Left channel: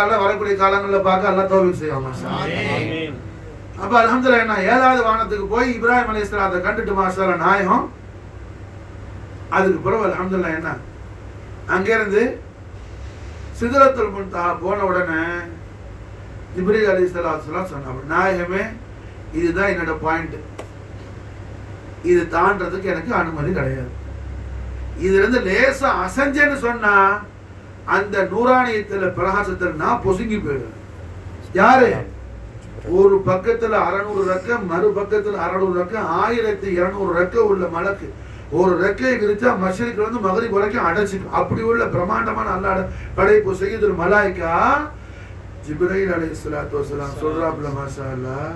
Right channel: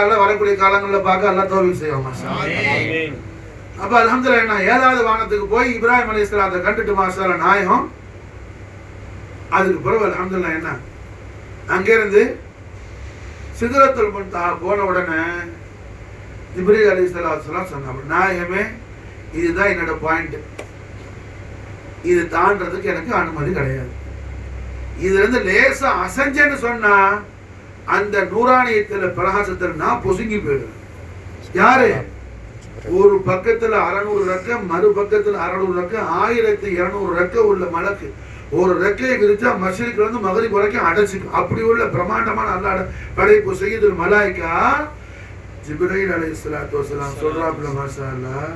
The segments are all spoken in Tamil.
வரக்கூடிய காலங்களில் பார்க்க அல்லா தௌஃபீக் செய்வாங்க. அப்ப அல்ஹம்துலில்லாஹ் என்ன 7வது வானத்துக்கு போய் இப்ராஹிம் அலைஹிஸ்ஸலாத்தை கண்டுட்டு மாஷாஅல்லாஹ் நாயகம். அதுக்கு பிறகு அல்ஹம்துலில்லாஹ் என்ன அங்கிருந்து சிதறத்துல் முன்தஹா போன உடனே ஜிப்ரீல் அலைஹிஸ்ஸலாம் சொன்னாங்க, நாயகமே இதுதான் என்னோட பாயிண்ட், இது தாண்டறதுக்கு எனக்கு அனுமதி கிடையாது. இதுல இருந்து லேசா அசஞ்சேன்னு சொன்னா அந்த நூறானியத்துல பிரகாசத்துல நான் பொசுங்கி போயிடுவேன். யாரு? ஒரு பக்கத்துல 600 ரெக்க, மறு பக்கத்துல 600 ரெக்க, 1200 ரெக்க உள்ள மலக்கு ஒரு ரெக்கையை விரிச்சா மஷ்ரிக்ல இருந்து மகரிப் வரைக்கும் அடைச்சிக்கும். அப்படி உள்ள பிரம்மாண்டமான அல்லாஹ் படைப்பு சய்யிதுல் மலாயிகா ஜிப்ரீல் அலைஹிஸ்ஸலாத்து வஸலாம் சொல்றாப்ல, மாஷா அல்லாஹ்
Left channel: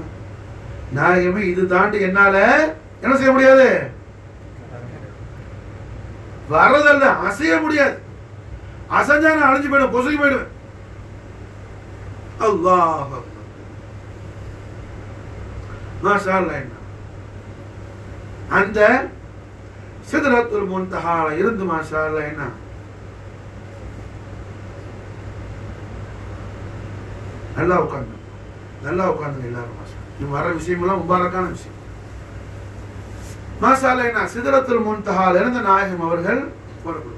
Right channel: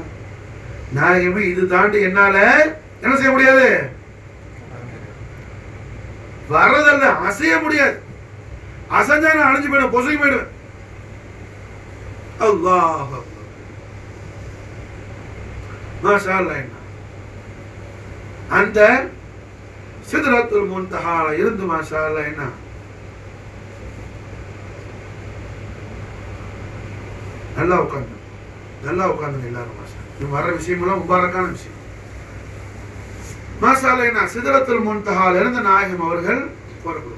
நாயகமே இது தாண்டி என்னால என்ன செய்ய முடியாது, வரதல்ல அசைய முடியாது. அசஞ்சா நான் அழிஞ்சு போயிடுவேன், பொசுங்கி போயிடுவேன். அல்லாஹ் மாஷா அல்லாஹ். அந்த சிதறத்துல் முன்தஹால இருந்து மாஷா அல்லாஹ் என்ன நல்லா உட்கார்ந்து எல்லாரும் மாஷா. இது வர விஷயமெல்லாம் முபாரக்கான விஷயம். மாஷா அல்லாஹ் என்ன சிதறத்துல் முன்தஹால இருந்து நாயகம் அவர்கள் புறப்படுவாங்க.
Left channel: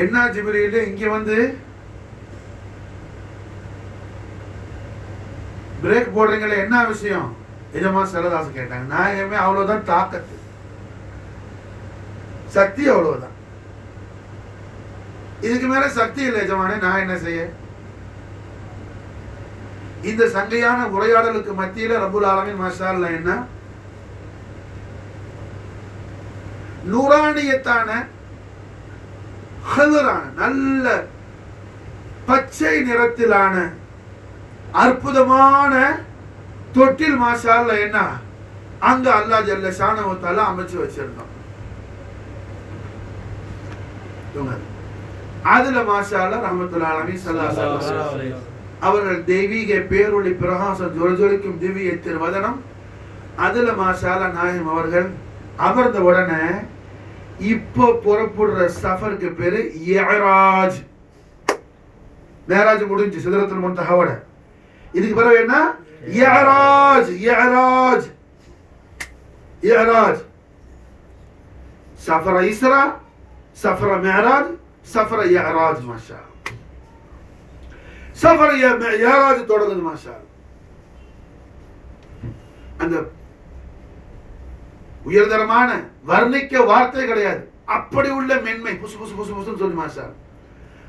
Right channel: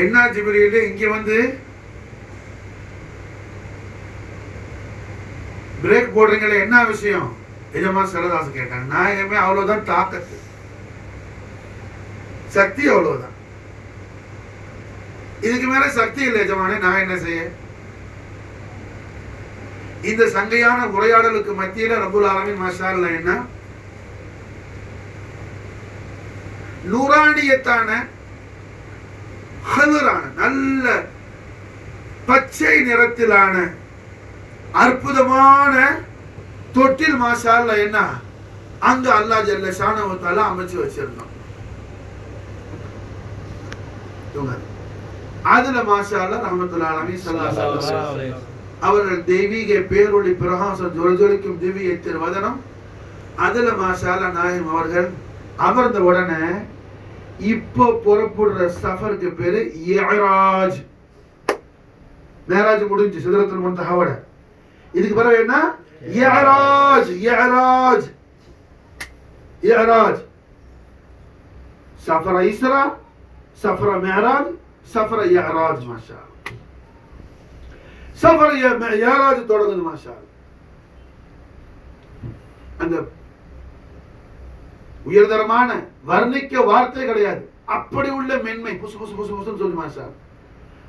என்ன ஜிப்ரீல் இங்க வந்து பிரேக் போடுறீங்களே என்ன விஷயம்? எஜமா செல்லதாசு கேட்டாங்க. நாயகமே அவ்வளவுதான் தாக்கத்து, சக்தி அவ்வளவுதான், இதுக்கு மேல சக்தி இல்லை எஜமானே, நான் என்ன செய்ய? இந்த சங்கையான உரையாடலுக்கு மத்தியில ரப்புல் ஆலமீன் மாஷா அல்லாஹ் என்ன நூறானியத்தான நல்ல பச்சை நிறத்திலான அற்புதமான தொட்டில் மாஷா அல்லாஹ் என்ன அங்க அல்லாஹ் ஜல்ல ஷானஹு வ தஆலா அமைச்சு வச்சிருந்தான். அதுல மாஷா அல்லாஹ் ரஹ்மத்துல் ஆலமீன் ஸல்லல்லாஹு அலைஹி வஸல்லம் அவர்கள் தெய்வீக பேரொளி பிரகாசம் ஜொலிஜொலிக்கும் திவ்யத்தின் வதனம். அதுல மாஷா அல்லாஹ் நாயகம் அவர்கள் அமர்ந்த உடனே இப்போ புறப்படுற சஃபருக்கு பேரு இஅராஜ். மேராஜ் முடிஞ்சு சிதறத்துல் முன்தஹாவோட. இதுக்கு பிறகு என்ன? இஅராஜ். சஃபர இஸ்ரா, சஃபர மேராஜ், சஃபர இஅராஜ். மாஷா சஃபர இஅராஜ் தொடங்குது. மாஷா அந்த உயர்தரமான வர்ணிக்க வார்த்தை கிடையாது, அப்படி உள்ள மென்மை புசு புசு புசு புசுன்னு சொல்லி மாஷா.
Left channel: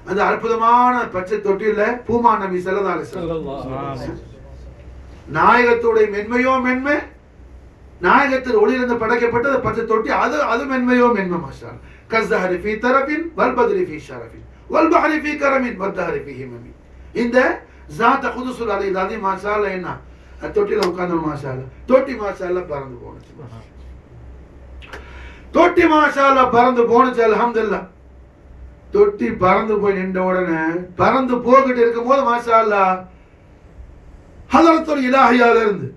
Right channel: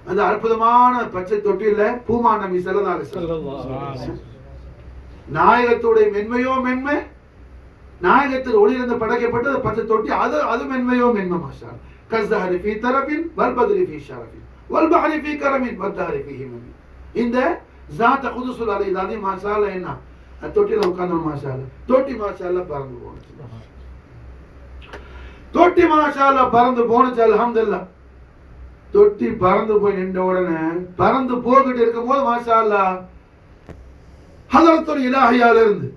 அந்த அற்புதமான பச்சை தொட்டியில பூமா நபி ஸல்லல்லாஹு அலைஹி வஸல்லம் நாயகத்துடைய மென்மையோ மென்மை, நாயகத்தில் ஒளியிலிருந்து படைக்கப்பட்டது பச்சை தொட்டி, அது மென்மையோ மென்மை. மாஷா கஸ்ஸஹரி ஃபீ தரபின் வல் பத்ரி ஃபீ ஷரஃபின் வல் பஹரி ஃபீ கரமின் வத்தஹரி ஃபீ ஹிமமி. இந்த ஸாத் குதுஸுல் அலைஹி மாஷா அல்லாஹ் என்ன தொட்டில உட்கார்ந்து மாஷா அல்லாஹ் தொட்டி மாஷா அல்லாஹ் பறந்து போனுச்சு. தொட்டி மாஷா அல்லாஹ் பறந்து போனுச்சு. அல்ஹம்துலில்லாஹ் தொட்டி பறந்து போய் நின்ற உடனே பறந்து போகிட்டு இருக்கும் போது மாஷா அல்லாஹ் ஹதரத்துல் இலாஹியால இருந்து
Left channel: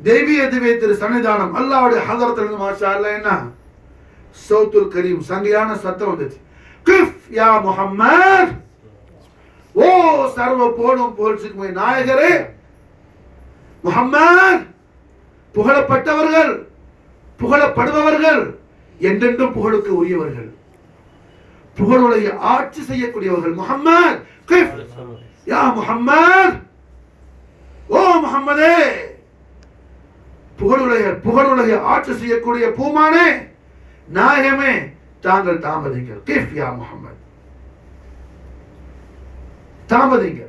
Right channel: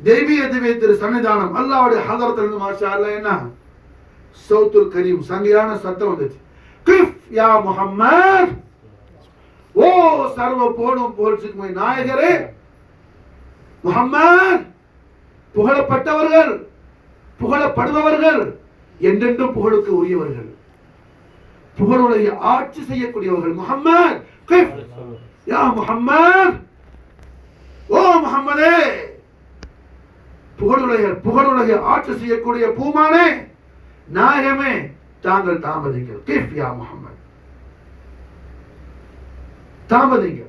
தெய்வீக திவ்ய திரு சன்னிதானம் அல்லாஹ்வுடைய ஹதரத்துல இருந்து மாஷா அல்லாஹ் என்ன சௌத்துல் கரீம் சங்கையான சத்தம் வந்துச்சு. கிஃப் யா முஹம்மத், ஓ சர்வ போனும் புகழ்ச்சிக்குமே நாயகரே முஹம்மத், புகழப்பட்டவர்கள் புகழப்படுபவர்கள் என்றென்றும் புகழுக்கு உரியவர்கள், புகழுடைய ஆட்சி செய்யக்கூடியவர்கள். முஹம்மத் கிஃப் யா முஹம்மத், ஓ முஹம்மதே புகழுடைய ஆட்சி செய்யக்கூடிய பூமானே நாயகமே தாங்கள் தாமதிங்கள். கிஃப் யா முஹம்மத், தாமதிங்க.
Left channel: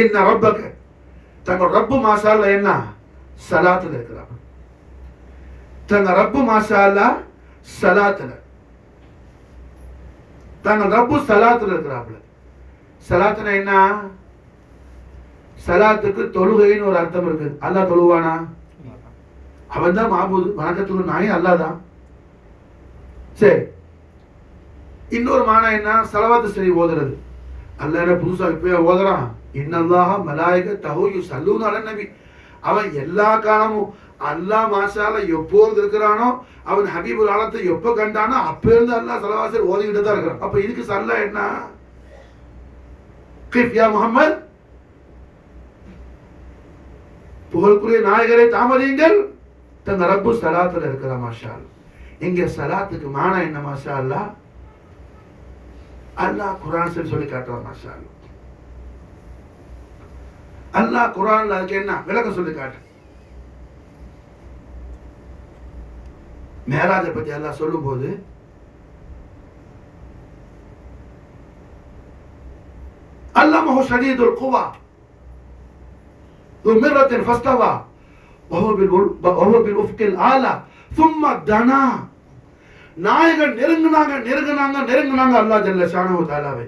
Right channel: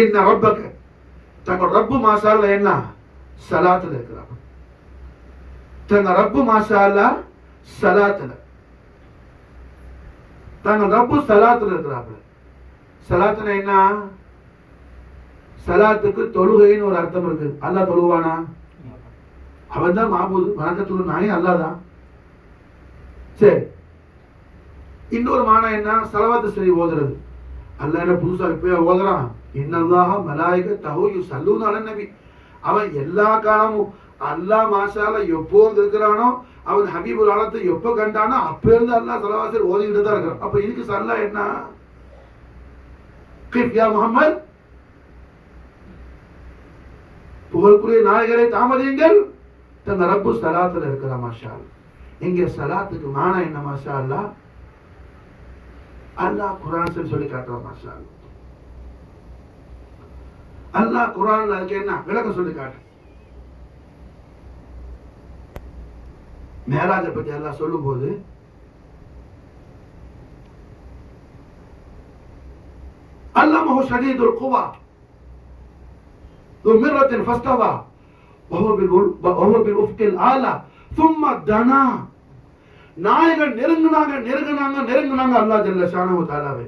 இன்ன ரப்பக, தங்கள் ரப்பு மாஷா அல்லாஹ் என்ன ஸலாத்துல இருக்கிறாங்க. தங்கள் ரப்பு மாஷா அல்லாஹ் ஸலாத்துல, தங்கள் ரப்பு ஸலாத்துல இருக்கிறாங்க. ஸலாத்துனா என்ன? ஸலாத்துக்கு தொழுகைன்னு ஒரு அர்த்தம் இருக்கு. அல்லாஹ் தொழுவானா? அவன் தான் மாபூது, வணக்கத்துக்கு நாயே அல்லாஹ் தான். சரி, இன்னொரு மானா என்ன? ஸலவாத்து ஷரீஃப் ஓதுறது. அல்லாஹ் என்ன புதுசா இப்ப ஓதுறான்? இன்னல்லாஹ மலாயிகத்தஹு யுஸல்லூன அலன் நபி. அவன் எல்லா காலமும் அல்லாஹ் மாஷால எப்போ இருக்கிறானோ அவன் ஹபீபுல் ஆலத்தை எப்போ கண்டானோ அப்ப இருந்து அல்லாஹ் ஸல்லல்லாஹு ஓதிக்கிட்டு தான் இருக்கிறான். அப்ப இதுக்கு சல்லா என்ன? கிஃப் யா முஹம்மத், புகழ்க்குரிய நாயகரை தாமதியுங்கள், தங்க ரப்பு ஸலாத்துல இருக்கிற மாஷா அல்லாஹ். இங்க ஸலாத்துக்கு மானா என்ன மாஷா அல்லாஹ்? அல்லாஹ் குர்ஆன்ல சொல்லி காட்டுறான் மாஷா அல்லாஹ். அல்லாஹ் குர்ஆன்ல அதுக்கு என்ன விளக்கம் சொல்லி காட்டு. மேராஜை பத்தி அல்லாஹ் சொல்லும் போது அல்லமஹு ஷதீதுல் குவா ذو مرة فاستوى وهو بالأفق الأعلى ثم دنا. நாயகன் நெருங்குனாங்க அல்லாஹ் ஜல்ல ஷானஹு தஆலாவை.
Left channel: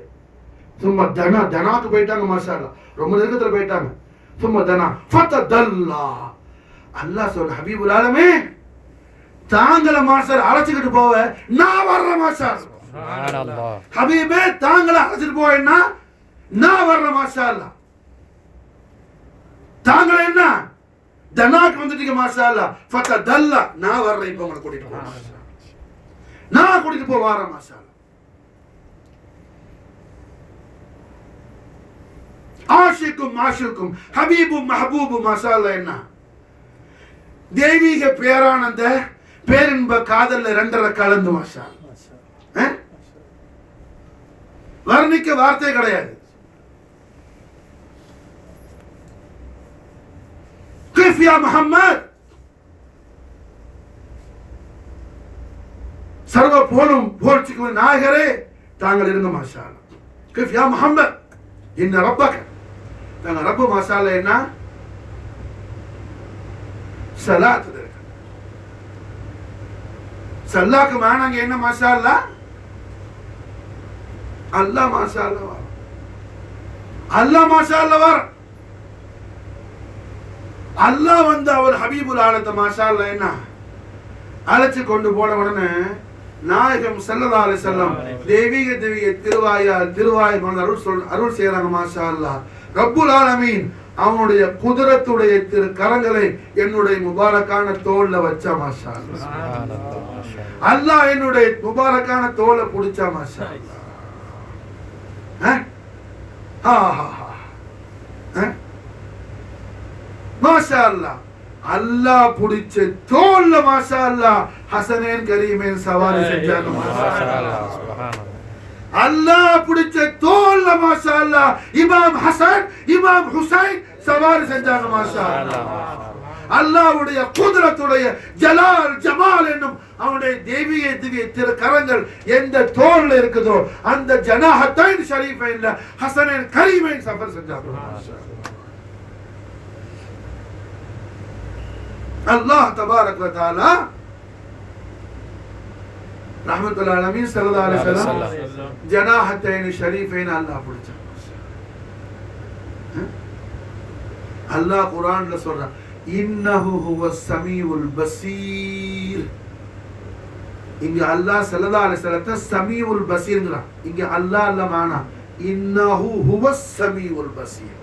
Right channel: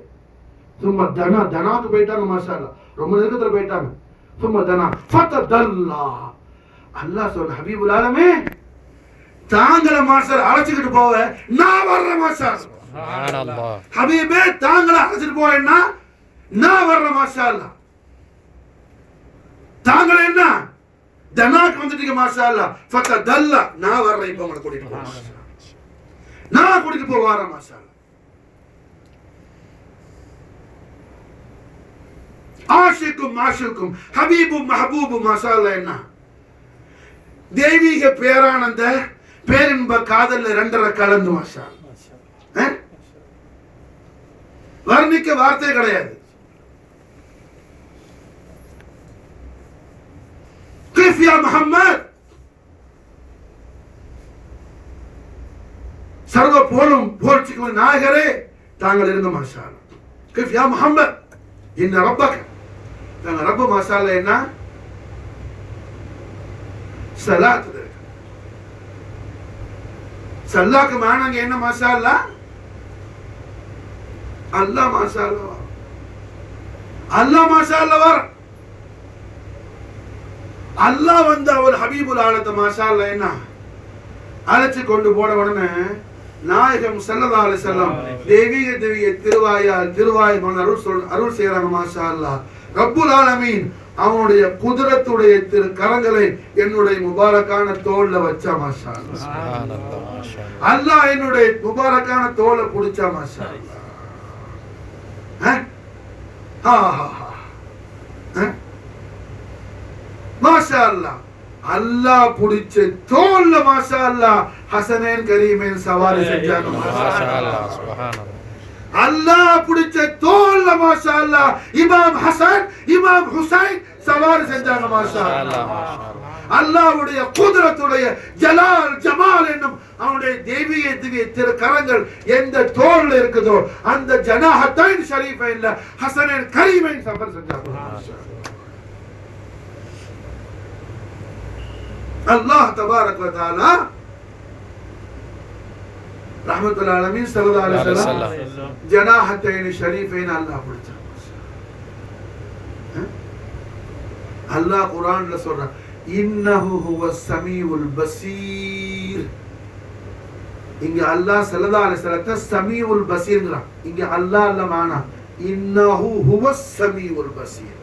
ثم دنا, தனாக்கு போயிட்டாங்க மாஷா அல்லாஹ், ரொம்ப நெருக்கத்துல போயிட்டாங்க. ثم دنا فتدلى. அல்லாஹ் சொல்ற ஹபீபுல் ஆலமே தாங்கள மாஷால் அழைச்சிட்டு போவ நான் வர்ற மாஷால் சுப்ஹானல்லாஹ். ஹபீபே தாங்கள அழைச்சிட்டு போவேன்னா நான் வர்ற மாஷால். தாங்கள என்ன தனாக்கு வந்துட்டீங்க மாஷால். ஃபதல்லா நான் வர்றேன், இப்ப உங்களை கூட்டிட்டு போ மாஷால், நான் கூட்டிட்டு போ வர மாஷால். ஆஷிக்கும் மாஷிக்கும் ஹபீபும் மஹபூபும் மாஷால். என்ன தெய்வீக பேரானந்த பேரின்ப காதல்ல ரெண்டரை கலந்து மாஷா. வர்ணிக்க வார்த்தை கிடையாது. கிஃப் யா முஹம்மத், சர்வ போலும் போர்ச்சிக்கு நாயகரே தாங்கள் இருங்க மாஷா. கிஃப் யா முஹம்மத் இன்ன ரப்பக, தாங்க ரப்பு மாஷால என்ன சலாத். சல்லாக்கு மானாங்க என்ன மாஷா அல்லாஹ்? அல்லாஹ் மாஷா அல்லாஹ், அல்லாஹ் மாஷா அல்லாஹ். அல்லாஹ் வந்து அவர் ஹபீபுல் ஆலத்தை மாஷா அல்லாஹ் என்ன அழைச்சு கொண்டு போன உடனே நாயகம் ஸல்லல்லாஹு அலைஹி வஸல்லம் தெய்வீக திருவாய் அருள் செய்யறாங்க மாஷா அல்லாஹ். ரப்புல் ஆலமீன் அவனுடைய குதிரத்துடைய திரு கரங்களை என்னுடைய முபாரக்கான தோல்ல வச்சா மாஷா அல்லாஹ். அல்லாஹ் என்னுடைய முபாரக்கான தோலை புடிச்சா மாஷா அல்லாஹ். மாஷா அல்லாஹ். அல்லாஹ் புடிச்ச தோல்ல மாஷா அல்லாஹ் ஹசனைன் கரீமைன் சவாரி செஞ்சாங்க மாஷா அல்லாஹ். சுப்ஹானல்லாஹ். அல்லாஹ் பிடிச்ச தோல்ல மாஷா அல்லாஹ் இமாம் ஹசன் இமாம் ஹுசைன் சவாரி செஞ்சாங்க மாஷா அல்லாஹ். அல்லாஹ்வுடைய குதிரத்துடைய ஜலால் ஜமால் என்னும் அவனுடைய தெய்வீக திவ்ய திரு கரங்கள் எந்த தோல்ல இருக்குதோ அந்த ஜனாஹத்தைன் ஷரீஃபைன்ல ஹசனைன் கரீமைன் சஃபர் செஞ்சாங்க மாஷா அல்லாஹ் தபாரக் வ தஆலா ரஹ்மத்துல்லாஹி அலைஹி ஸல்லல்லாஹு அலைஹி வஸல்லம் ஜனாஹத்தைன் ஷரீஃபைன் அல்லாஹ் பிடிச்சாங்க. அல்லாஹ் குர்ஆன்ல சொல்றான் இன்னஹு ஹுவஸ் ஸமீஉல் பஸீர். இங்க அல்லாஹ் ஸல்லல்லாஹு அலைஹி வஸல்லம் ஸமீஉல் பஸீர்ங்கறான். இங்க அல்லாஹ் அல்ல மானா இன்னஹு ஹுவஸ் ஸமீஉல் பஸீர்.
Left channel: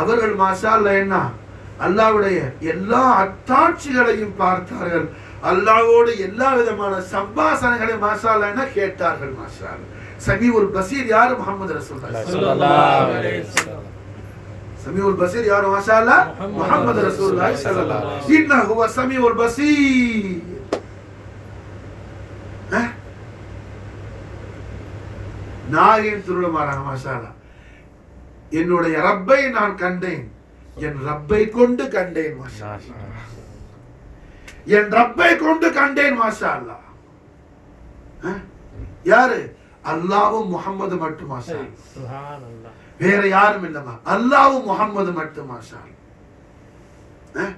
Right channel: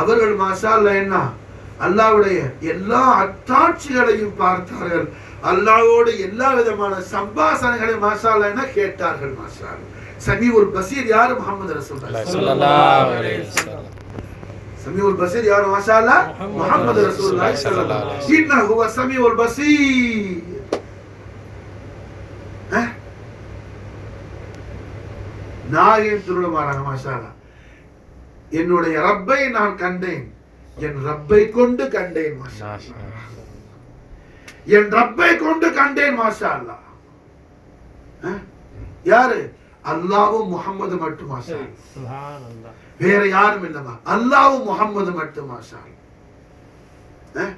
அவர்கள் மாஷா அல்லாஹ் என்ன அல்லாஹ்வுடைய எல்லா அத்தாட்சிகளையும் பார்த்தார்கள், அல்லாஹ்வோடு எல்லா விதமான சம்பாஷணைகளையும் மாஷா அல்லாஹ் என்ன கேட்டார்கள் மாஷா அல்லாஹ். ஸமீஉல் பஸீர் யார்? முஹம்மது ரசூலுல்லாஹ் ஸல்லல்லாஹு அலைஹி வஸல்லம். ஸமீஉல் பஸீர் யார்? மாஷா அல்லாஹ் முஹம்மது ரசூலுல்லாஹ் ஸல்லல்லாஹு அலைஹி வஸல்லம். இன்னஹு ஹுவ ஸமீஉல் பஸீர். நாயின் திருளமாறாங்க மாஷா அல்லாஹ். என்னுடைய ரப்பை நான் கண்டேன், என் ரப்பை கொண்டு கண்டேன் மாஷா அல்லாஹ். என் ரப்பை கொண்டு கண்டேன் மாஷா அல்லாஹ். யாரு? அல்லாஹ்வும் முஹம்மது மட்டும் மாஷா அல்லாஹ். சுப்ஹானல்லாஹ். வேற யாரும் இல்லமா, அல்லாஹ்வும் முஹம்மது மட்டும் மாஷா அல்லாஹ்.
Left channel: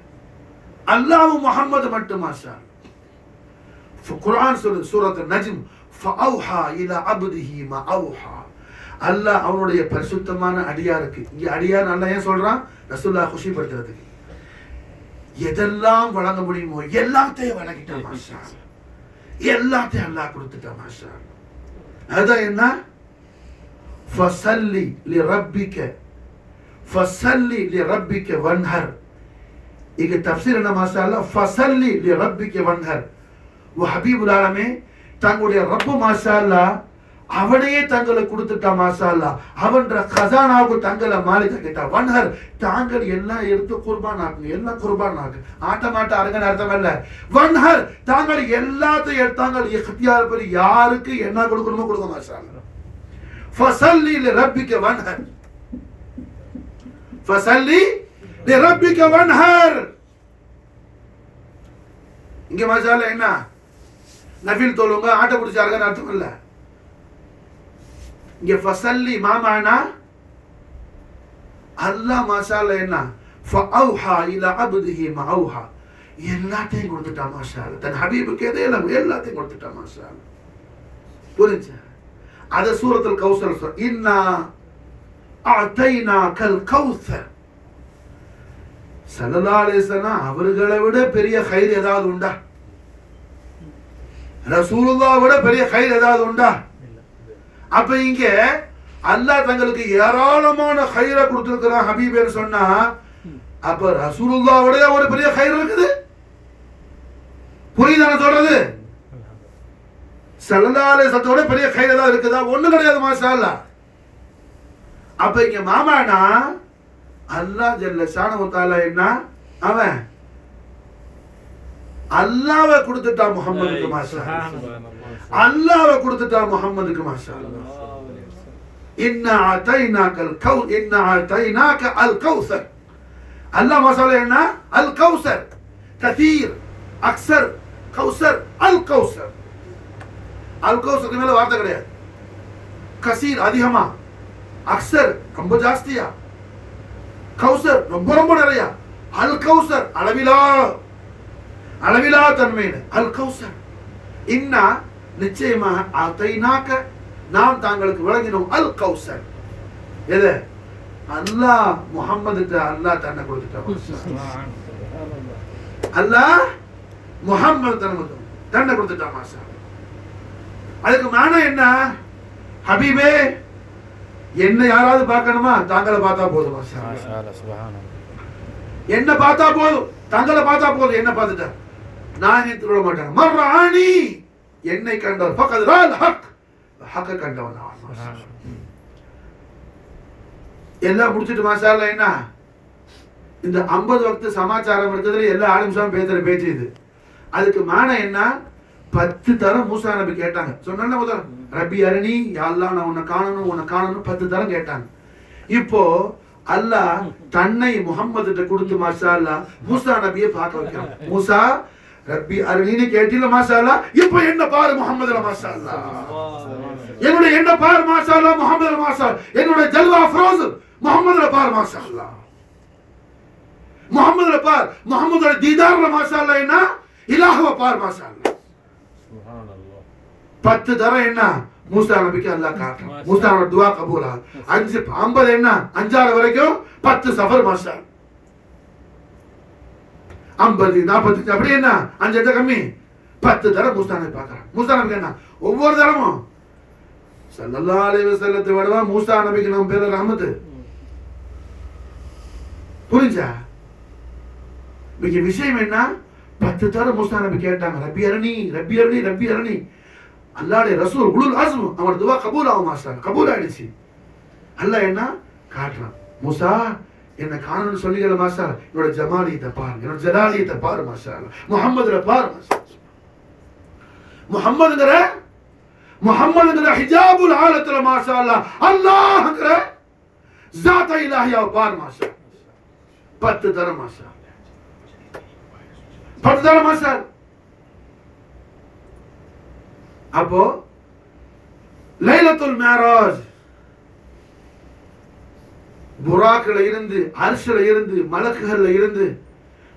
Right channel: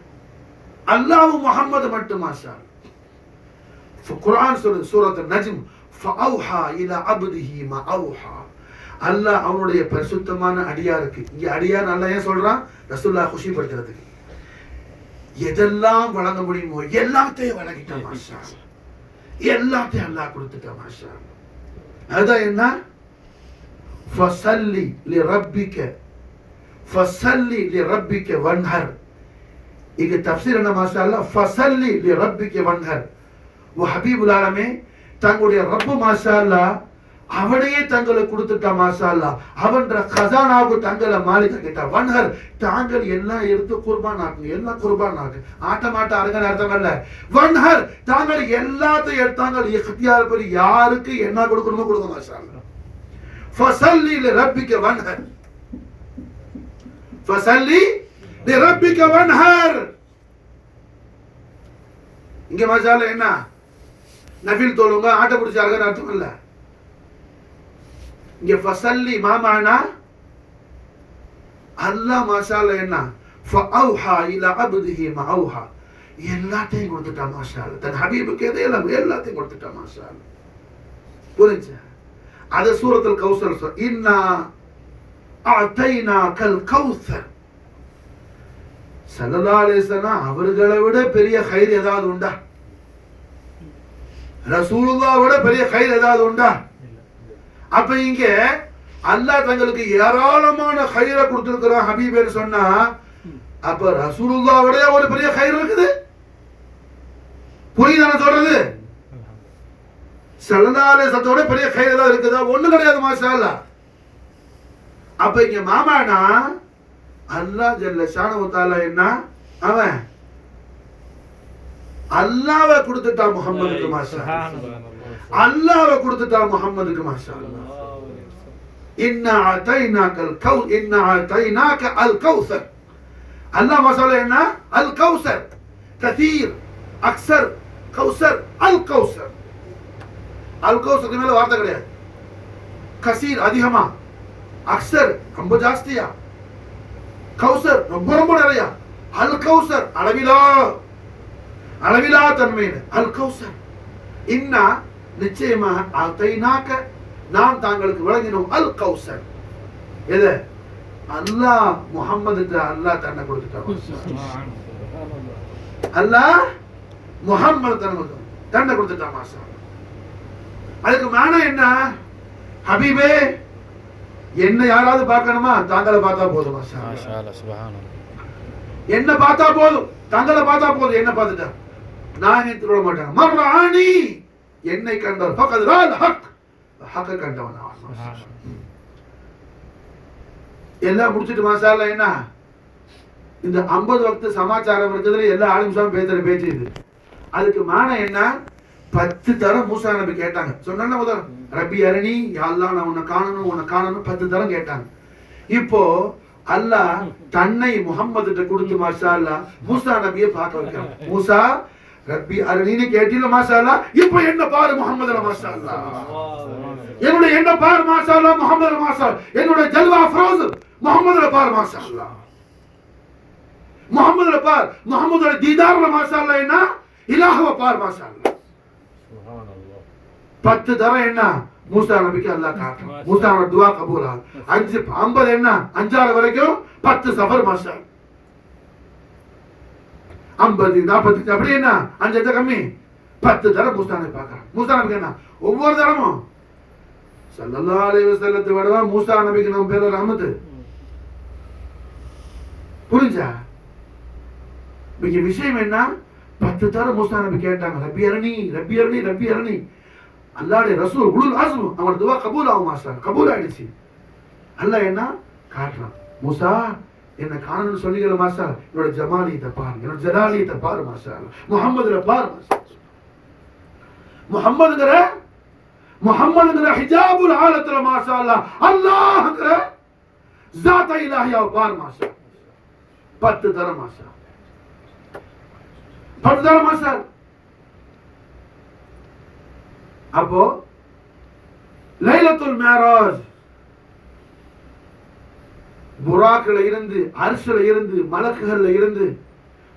அல்லாஹ்வும் முஹம்மது மட்டும் மாஷா அல்லாஹ். குர்ஆன் சொல்லுது சூரத் நஜ்ம் ஃபஅவ்ஹா இலா அப்திஹி மா அவ்ஹா. அல்லாஹ் அவனுடைய பரிசுத்தமான அடியாருக்கு, இங்க அடியார் அல்லாஹ் ஏன் சொல்றான்? ரசூலுல்லாஹ் குஷிப்படுத்துறதுக்கு. எதெல்லாம் வழங்க முடியுமோ எல்லாத்தையும் வழங்கிட்டான் மாஷா அல்லாஹ். எல்லாத்தையும் அல்லாஹ் கொடுத்துட்டான் மாஷா அல்லாஹ். அதான் என்ன? ஃபஸல்லி லிரப்பிக வன்ஹர். இங்க தஃப்சீர் என்ன மாஷா அல்லாஹ், ஃபஸல்லி லிரப்பிக வன்ஹர். ஹபீபுல் ஆலமே தங்களுடைய ரப்பு மாஷா அல்லாஹ் அவனையே தங்களை கொடுத்துட்டா மாஷா அல்லாஹ். அவன்ற கசானாவுக்கு தங்களை மாலிக கிட்ட வன்ஹர், தாங்கள் எல்லாம் எடுத்து குர்பான் ஆக்குங்க, எல்லாம் குர்பான் ஆக்கு, ஆட்டமாட்ட அருங்கன்னு அர்த்தம் இல்ல. வன்ஹர், தாங்கள் எல்லாத்தையும் எடுத்தாங்க இக்தியார் படி யாருக்கு என்ன கொடுக்கணுமோ கொடுங்க மாஷா அல்லாஹ். ஃபஸல்லி லிரப்பிக வன்ஹர், ஃபஸல்லி லிரப்பிக வன்ஹர். இங்க மாஷா அல்லாஹ் என்ன நஃபில் தொழுங்க, ஆட்ட பிடிச்சாருங்கன்னு அர்த்தம் இல்ல. இங்க ஃபஸல்லி மாமானா அல்லாஹ் மாஷா அல்லாஹ் என்ன ஃபஅவ்ஹா இலா அப்திஹி மஅவ்ஹா, எல்லாத்தையும் கொடுத்துட்டா மாஷா அல்லாஹ். தன் ஹபீபுக்கு எதையெல்லாம் எல்லாத்தையும் கொடுத்துட்டா மாஷா அல்லாஹ். புரிஞ்சா? அது சூரத்துல் கௌசர் சொல்ற, இன்னா அஅதைனாகல் கௌசர். ஸல்லல்லாஹு அலைஹி வஸல்லம் அவர்களை விட பெரிய கைர் ஏதாவது உண்டா? ரசூலுல்லாஹ் விட பெரிய கைர் ஏதாவது உண்டா? அப்ப இங்க அல்லாஹ் தங்களுக்கு ஏராளமான கைரை கொடுத்திருக்கிறான் ஹபீபேன்னு சொன்னா, அப்ப ரசூலுல்லாஹ் விட ஒரு பெரிய கைர் இருக்குது. புரியுதான சொல்றது? ஸல்லல்லாஹு அலைஹி வஸல்லம் பெரிய கைர் ஏதாவது இருக்குதா? ஒண்ணு கிடையாது மாஷா அல்லாஹ். அப்ப இங்க மாமானா அல்லாஹ் ஜல்ல ஷானஹு வ தஆலா என்ன அவன் அல்லாஹ்வை கொடுத்துட்டா முஹம்மதுக்கு மாஷா அல்லாஹ். அல்லாஹ்வை கொடுத்துட்டா முஹம்மதுக்கு மாஷா அல்லாஹ். இன்னா அதைனாகல் கௌ இன்னா அதைனாக அல் கௌசர். அல்லாஹ் மாஷா அல்லாஹ் என்ன அல் கௌசர், கதீர், அக்ஸர், கௌசர், அல் கௌசர். அல் கௌசருக்கு மேல வார்த்தை கிடையாது. கசீர் அதிகமா, அக்ஸர் ரொம்ப ஜாஸ்தியா, கௌசர் ரொம்ப ரொம்ப நிறைய. அல் கௌசர் அளவிலா தன்மையில அல் கௌசர். இன்னா நிச்சயமாக அதைனாக நாம் தாங்களுக்கு வழங்கினோம் அல் கௌசர். எது? அல்லாஹ் முஹம்மதுக்கு அல்லாஹ் தன்னை கொடுத்துட்டான். அல்லாஹ் முஹம்மது தன்னை கொடுத்துட்டான் மாஷா. அதுக்கு மானா என்ன? ஹபீபே என்ன யாராவது பார்க்கணுமா? தாங்களை பார்த்தா போதும் மாஷா அல்லாஹ். சுப்ஹானல்லாஹ். என்ன பார்த்தா போதும், தங்களை பார்த்தா போதும். என்ன பார்த்துட்டா நான் திருட மாட்டேன். மர்ரானி, என்னை கண்டவர் ஃபகத் ரால் ஹக், ஹக்க கண்டவன் அவன். எல்லாம் முடிச்சிட்டு மாஷா அல்லாஹ் என்ன இந்த 50 வக்து சமாச்சாரம் இருக்கிறதுல எல்லா ஆலிம்ஸாவும் பேசுற பேச்சு இது. அதுக்கு மானா என்ன? 10 தரம் மூசா நபி கேட்டாங்க. சொன்ன முதல் ரப்பி அரணி, யா அல்லாஹ் நான் உன்னை காணணும் 10 தரம் கேட்டாங்க. இப்போ அல்லாஹ் தன்னை முஹம்மதுட்ட கொடுத்து மாஷா அல்லாஹ் மூசா நபியை பார்க்க வைக்கிறான். மூசா ரப்பி அரணி கேட்டில மாஷா அல்லாஹ், இப்போ என்ன பாரு முஹம்மதுல மாஷா அல்லாஹ், என்னுடைய என்ன பாரு மாஷா அல்லாஹ் முஹம்மதுல மாஷா அல்லாஹ், என்னுடைய ஜல்வா ஃப்ரோஸ் முஹம்மதுல பாரு மாஷா அல்லாஹ், முஹம்மதுல பார், முஹம்மதுல தீதார்ல மாஷா அல்லாஹ் என்ன இலாஹ்வ பார் மாஷா அல்லாஹ். சுப்ஹானல்லாஹ். 10 தரம் என்ன மூசா நபிக்கு அல்லாஹ் காட்டுறான். மூசாவோட துஆ கபூல் ஆகும். 5 50 என்ன 5 வரைக்கும் 10 சஃபர் மாஷா. 50 40 அப்படி என்ன 5 கம்மி 10 தரம் மூசா நபி பார்க்கறான். மூசா நபிக்கு என்ன ஒவ்வொரு தரமும் ஸல்லல்லாஹு அலைஹி வஸல்லத்தை விடவா மூசா நபிக்கு நம்ம பேர ரஹமத். புரிஞ்சா? விஷயம் என்ன? 10 தரம் மூசா நபி கேட்டாங்க, ரப்பி அரணி ரப்பி அரணி ரப்பி அரணி. அல்லாஹ்வுடைய ரசூல் உலுல் அஸ்ம் அவரோட துஆ கபூல் ஆகும் மாஷா, கபூல் ஆயிடுச்சு. அல்லாஹ் என்ன காட்டுறான், மூசா என்ன காணணும்னு சொல்லிக்கல மாஷா, என்னோட ஜமாலியத்தை பாருங்க, என்னோட ஜலாலியத்தை பாரு மாஷா அல்லாஹ், முஹம்மதுல பாரு மாஷா. முஹம்மதுங்கிற ஹிஜாபுல் ஆலத்துல மாஷா அல்லாஹ், அல்லாஹ்ங்கிற ஸாத் இலாஹியா பாரு மாஷா. 10 தரம் மாஷா, 10 தரம் மாஷா. அப்போ லைலத்துல் மிஅராஜ் புராக்ல இருந்து, அர்ஷ்ல இருந்து, மலக்குகள்ல இருந்து